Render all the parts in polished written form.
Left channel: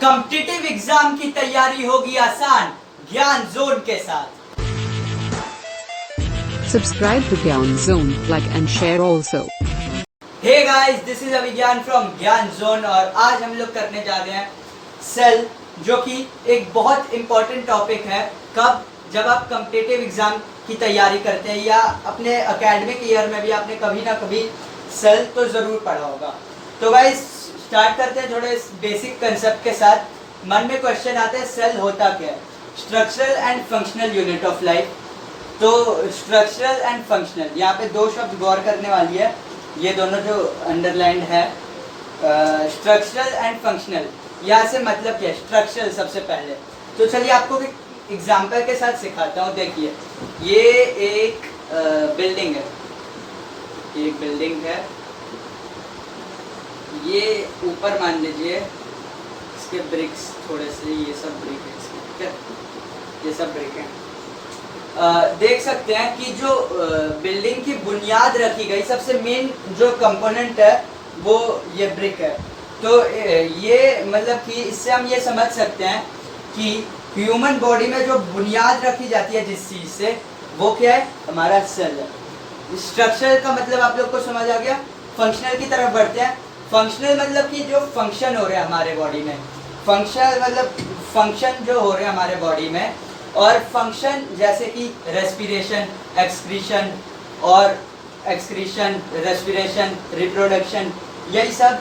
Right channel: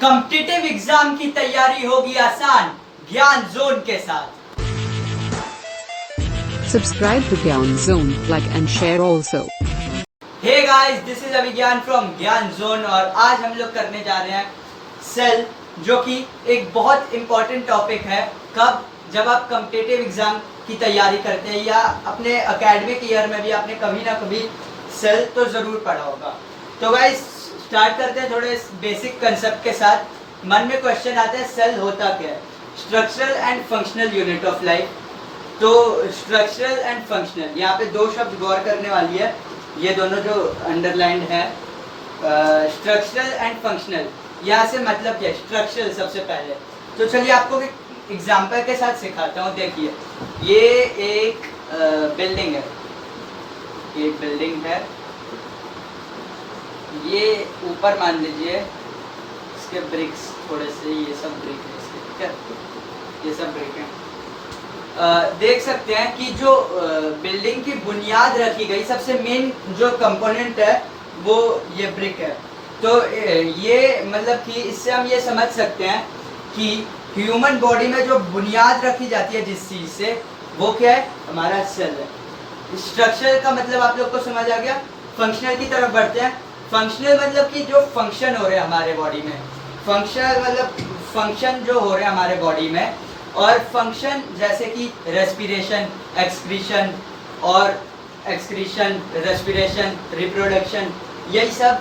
Competitive exam की तैयारी होगी आसान ज्ञान जोन के साथ। Subscribe to Gyan Zone, like and share also. Hey guys, this is Abhigyan from Gyan Zone और आज हम लोग करने जा रहे हैं सेल, जो कि एक बहुत इंपॉर्टेंट टॉपिक है। कब? जब आप कॉम्पिटिटिव एग्जाम की तैयारी करते हैं या अपने एकेडमिक ईयर में भी आपने कभी ना कभी सेल तो जरूर पढ़ा होगा। तो गाइस स्टार्ट करते हैं थोड़े बेसिक कंसेप्ट के साथ। मन में क्वेश्चन आता है सेल होता क्या है? Structural and functional unit of life. तो स्ट्रक्चरल एंड फंक्शनल, यहाँ पे दो शब्द गौर करने वाली है, ये दोनों जो अंडरलाइंड है। स्ट्रक्चरल एंड फंक्शनल, यहाँ से मतलब क्या है? स्ट्रक्चरल सबसे पहले। तो चलिए आपको एक एग्जाम्पल के साथ सिखाता हूँ। देखिए, ये एक बिल्डिंग है, एक बिल्डिंग है। ये ऊपर मान लीजिए इसके ब्रिक्स थोड़े से, ये सब ब्रिक है इसके, ठीक है, ये सब ब्रिक है। देख सकते हैं कि जो बिल्डिंग की बुनियाद रखी गई, सबसे मेन जो कंपोनेंट है वो ये ब्रिक है। तो ये मतलब कि इससे हम ये समझ सकते हैं कि ह्यूमन बॉडी में जो बुनियाद रखी जाती है जिस चीज़ से, वो क्या है? हमारा सेल है। स्ट्रक्चर का मतलब आप लोग को समझ आ गया। फंक्शनल की तरफ बढ़ते हैं। फंक्शनल मतलब कि जो फंक्शन हो रहे हैं हमारे बॉडी में। फंक्शनल मतलब फंक्शन जो हो रहे हैं हमारे बॉडी में, और फंक्शन जैसे कि रेस्पिरेशन, एक्सक्रीशन और एक्सक्रीशन, रेस्पिरेशन, रिप्रोडक्शन, यही सब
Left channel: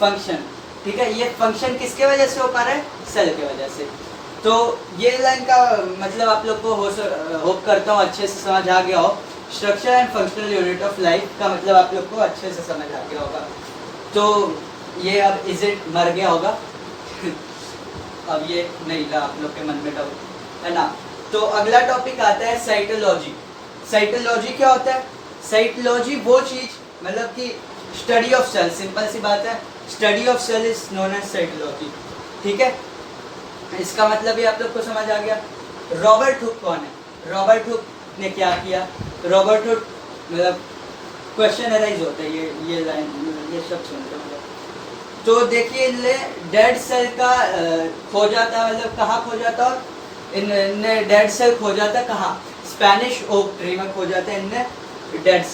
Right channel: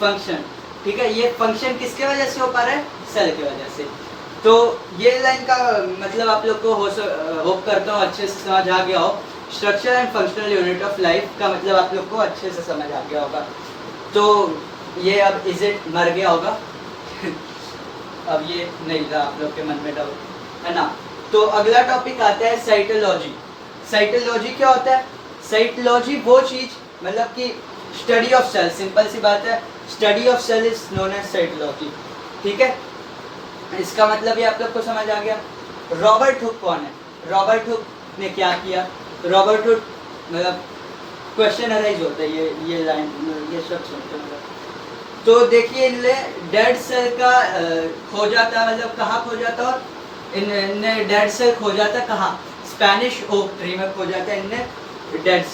फंक्शन, ठीक है। ये फंक्शन किसके वजह से हो पा रहा है? सेल की वजह से। तो ये लाइन का मतलब आप लोग को होप करता हूँ अच्छे से समझ आ गया हो। Structure and functional unit of life का मतलब आप लोग को अच्छे से समझ आ गया होगा। तो ये अब इज इट मर गया होगा अब ये नहीं रहा आप लोग के मन में डाउट, है ना। तो अगला टॉपिक आता है साइटोलॉजी। साइटोलॉजी क्या होता है? साइटोलॉजी वो चीज मतलब कि स्टडी ऑफ सेल, सिंपल सी बात है, study of cell is known as cytology, ठीक है। इसका मतलब ये आप लोग को समझ आ गया। रॉबर्ट हुक कौन है? रॉबर्ट हुक ने क्या किया? रॉबर्ट हुक मतलब क्वेश्चन अराइज होता है, ये लाइन, ये सब सुनते हैं। तो देखिए, डेड सेल का खो जाता है, मतलब कहाँ खो जाता है? इनने डेड सेल खो जाता है कहाँ? स्पेनिश ओक ट्री में खो जाता है इनने डेड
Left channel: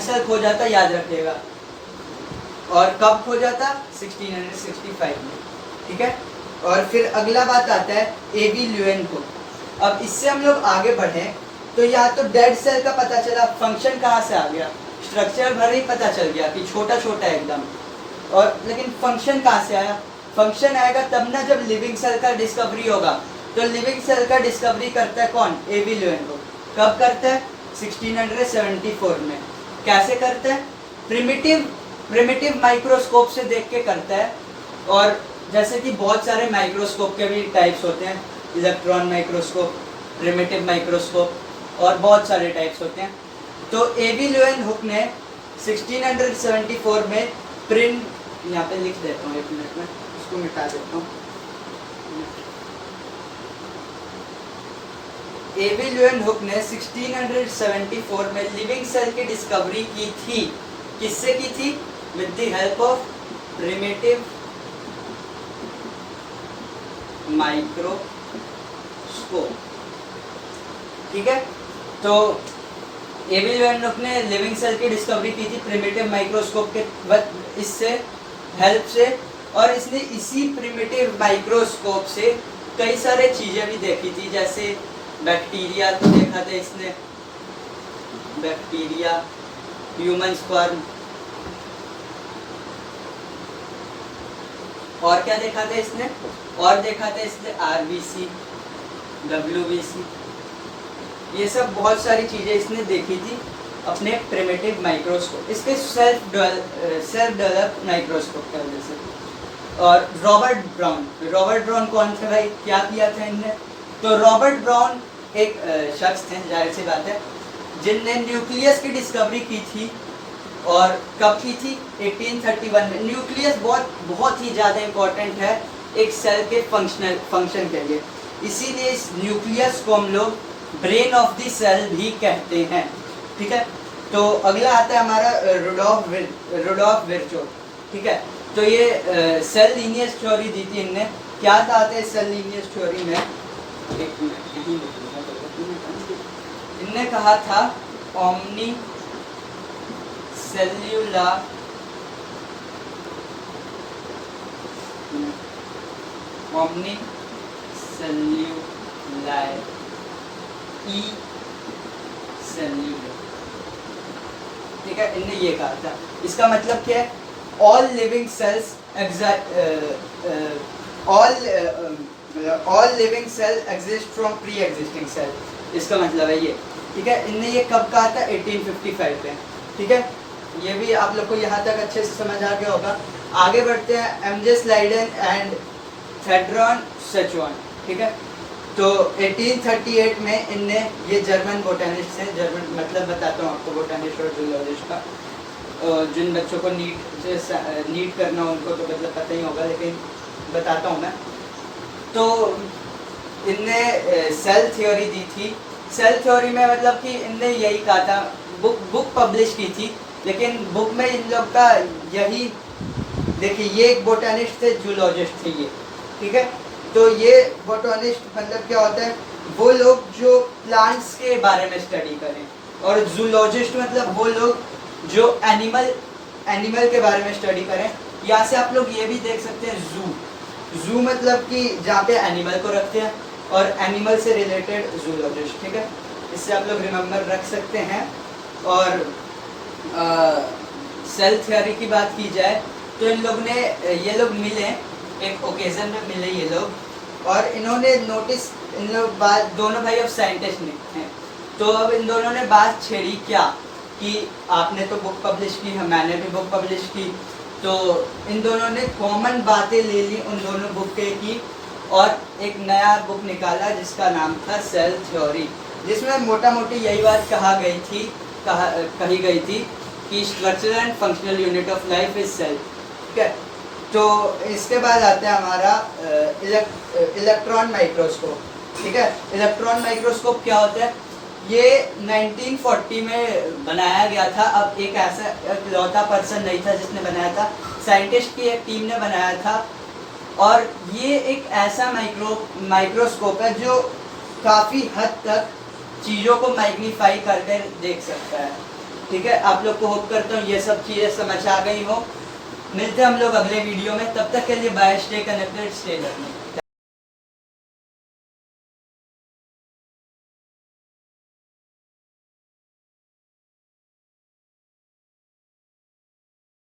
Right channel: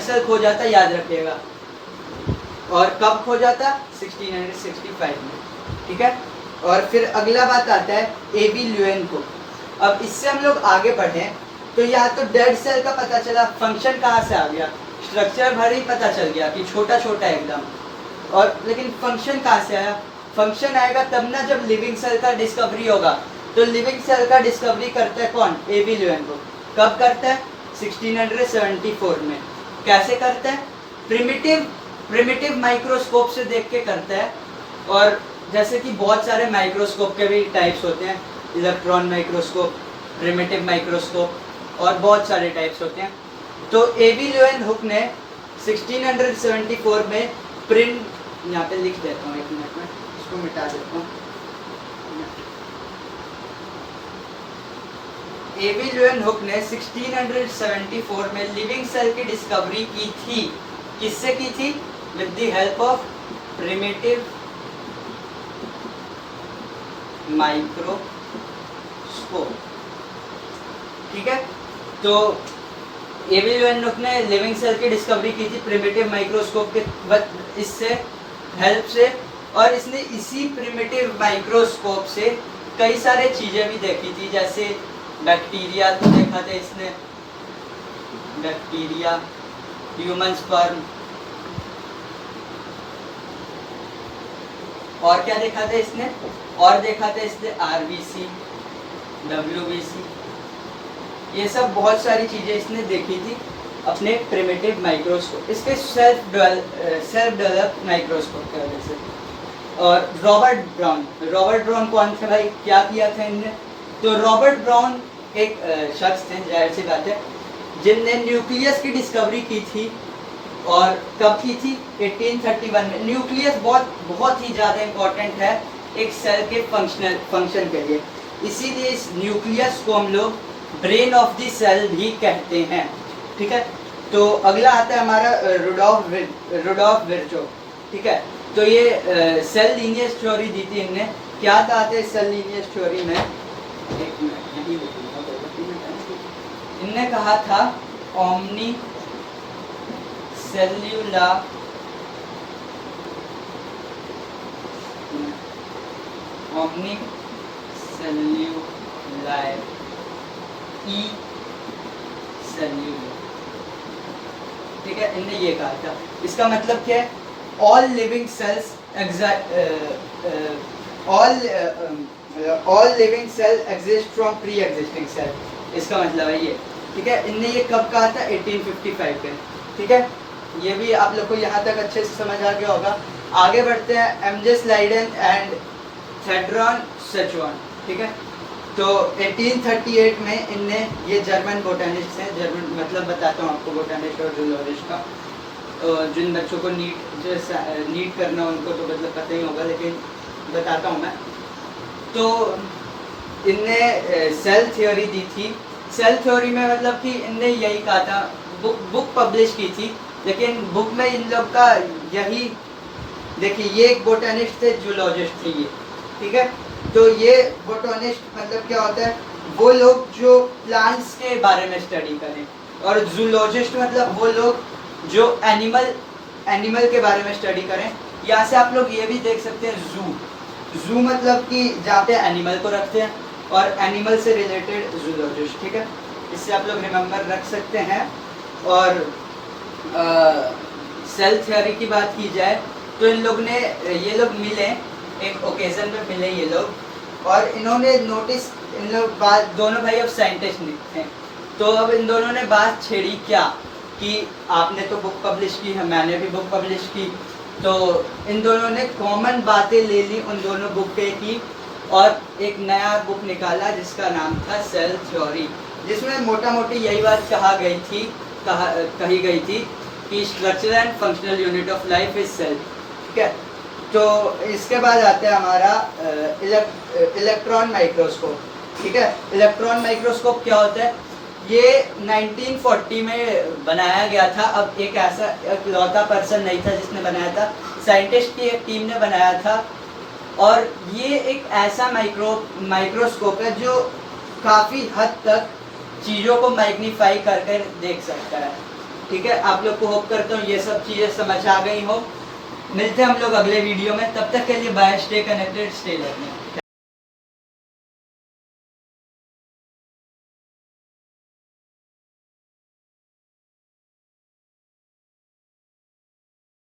सेल खो जाता है, याद रखिएगा। और कब खो जाता? 1665 में, ठीक है। और फिर अगला बात आता है एबी ल्यूएन को। अब इससे हम लोग आगे बढ़े तो यहाँ तो डेड सेल का पता चला, फंक्शन कहाँ से आ गया? स्ट्रक्चर भले ही पता चल गया कि छोटा छोटा एकदम, और लेकिन फंक्शन कहाँ से आया? फंक्शन आएगा तब ना जब लिविंग सेल का डिस्कवरी होगा। तो लिविंग सेल का डिस्कवरी करता है कौन? एबी ल्यूएन को। कब करता है? 1674 में। कैसे करता है? प्रिमिटिव माइक्रोस्कोप से देख के करता है। और जैसे कि बहुत सारे माइक्रोस्कोप के भी टाइप्स होते हैं, इलेक्ट्रॉन माइक्रोस्कोप, प्रिमिटिव माइक्रोस्कोप और बहुत सारे टाइप्स होते हैं। तो एबी ल्यूएन हुक ने 1674 में प्रिंट, यहाँ पे लिख देता हूँ, एक मिनट में इसको मिटा देता हूँ। एबी ल्यूएन हुक ने 1674 में लिविंग सेल की डिस्कवरी की थी। किससे की थी? With the help of primitive microscope, ठीक है। तो एबी ल्यूएन हुक ने लिविंग सेल की डिस्कवरी की थी प्रिमिटिव माइक्रोस्कोप के इससे हेल्प से, और इसने इसी प्रिमिटिव माइक्रोस्कोप से कई सारे चीजें भी देखी थी, जैसे बैक्टीरिया तो देखा था इसने, बैक्टीरिया, ह्यूमन स्पर्म, और क्या देखा था इसने? और देखा था इसने आरबीसी, डब्ल्यूबीसी, ये सब बहुत सारी चीजें इसने देखी थी अपने प्रिमिटिव माइक्रोस्कोप, इसके सेल्फ डेवलप माइक्रोस्कोप की वजह से। और रॉबर्ट ब्राउन कौन थे भाई? क्या किया था इनने? तो रॉबर्ट ब्राउन एक शख्स थे, जाहिर सी बात है, जिनने न्यूक्लियस की डिस्कवरी की थी। और कब की थी? 1831 में। न्यूक्लियस बहुत ही ज़्यादा इम्पोर्टेंट है एक सेल के फंक्शन के लिए, इसीलिए इस न्यूक्लियस को हम लोग ब्रेन ऑफ द सेल भी कहते हैं, ठीक है। तो अगला आता है हमारा रुडोल्फ विर्चो, ठीक है। तो ये सेल लीनियर थ्योरी दी थी इनने। क्या कहा था इस सेल लीनियर थ्योरी में, एक मिनट यही बताऊंगा, इनने कहा था ओमनी सेल्यूलर ओमनी सेल्यूलर ई सेल्यूलर, ठीक है, इनने ये कहा था। इसका मतलब क्या है, all living cells all living cell exist from pre existing cell, इसका मतलब है ये, ठीक है। इनने ये कब कहा था, 1855 में, ठीक है। ये भी आप लोग को यहाँ तक अच्छे से समझ आ गया होगा। आगे बढ़ते हैं, एमजे स्लाइडन एंड थेड्रॉन सेचुआन, ठीक है। तो 1838 में इनने, ये जर्मन बोटेनिस्ट है, जर्मन मतलब बताता हूँ आपको बोटेनिस्ट और जूलॉजिस्ट का, जिन बच्चों को नीट करना उनको तो मतलब पता ही होगा, लेकिन बताता हूँ मैं। तो इनने सेल थ्योरी दी थी। सेल थ्योरी में मतलब कि इनने यही कहा था, बुक पब्लिश की थी, लेकिन बुक में इन लोग का यही, देखिए ये एक बोटेनिस्ट थे, जूलॉजिस्ट थे ये, ठीक है। तो ये बोटेनिस्ट मतलब क्या होता है, वो लोग जो प्लांट्स के बारे में स्टडी करें, और जूलॉजिस्ट मतलब वो लोग जो एनिमल के बारे में स्टडी करें। यहाँ से आप लोग ये भी देख सकते हैं, जू मतलब कि जहाँ पे एनिमल को रखते हैं, और एनिमल से रिलेटेड जूलॉजिस्ट, ठीक है। इससे आप लोग रिमेम्बर रख सकते हैं। और सेल थ्योरी की बात की जाए तो इन लोग ने, ये लोग मिले एक ओकेजन में मिले ये लोग, और इन्होंने नोटिस, इन लोग बात, दोनों भाई अब साइंटिस्ट हैं, तो अब इन दोनों ने बात छेड़ी क्या कि आपने तो बुक पब्लिश की, मैंने भी बुक पब्लिश की, तो इन दोनों ने कॉमन बातें ले ली उन दोनों बुक पे की, और एक नया बुक निकाला जिसका नाम था सेल थ्योरी, जिसमें मोटा मोटी यही बात कही गई थी कि structural and functional unit of life is cell, ठीक है। तो इसके बाद आता है हमारा इलेक्ट्रॉन माइक्रोस्कोप, ठीक है। इलेक्ट्रॉन माइक्रोस्कोप क्या होता है, ये 1940 में बनाया गया था। अब एक ऐसा इकलौता पर्सन नहीं था जिसने बनाया था, साइंटिस्ट की एक टीम ने बनाया था, और ये एक ऐसा माइक्रोस्कोप है जो काफ़ी हद तक चीज़ों को मैग्नीफाई करके देख सकता है, ठीक है। आप लोग को होप करता हूँ ये सब चीज़ें समझ आ गई हो। मिलते हैं हम लोग अगले वीडियो में, तब तक के लिए bye, stay connected, stay learning.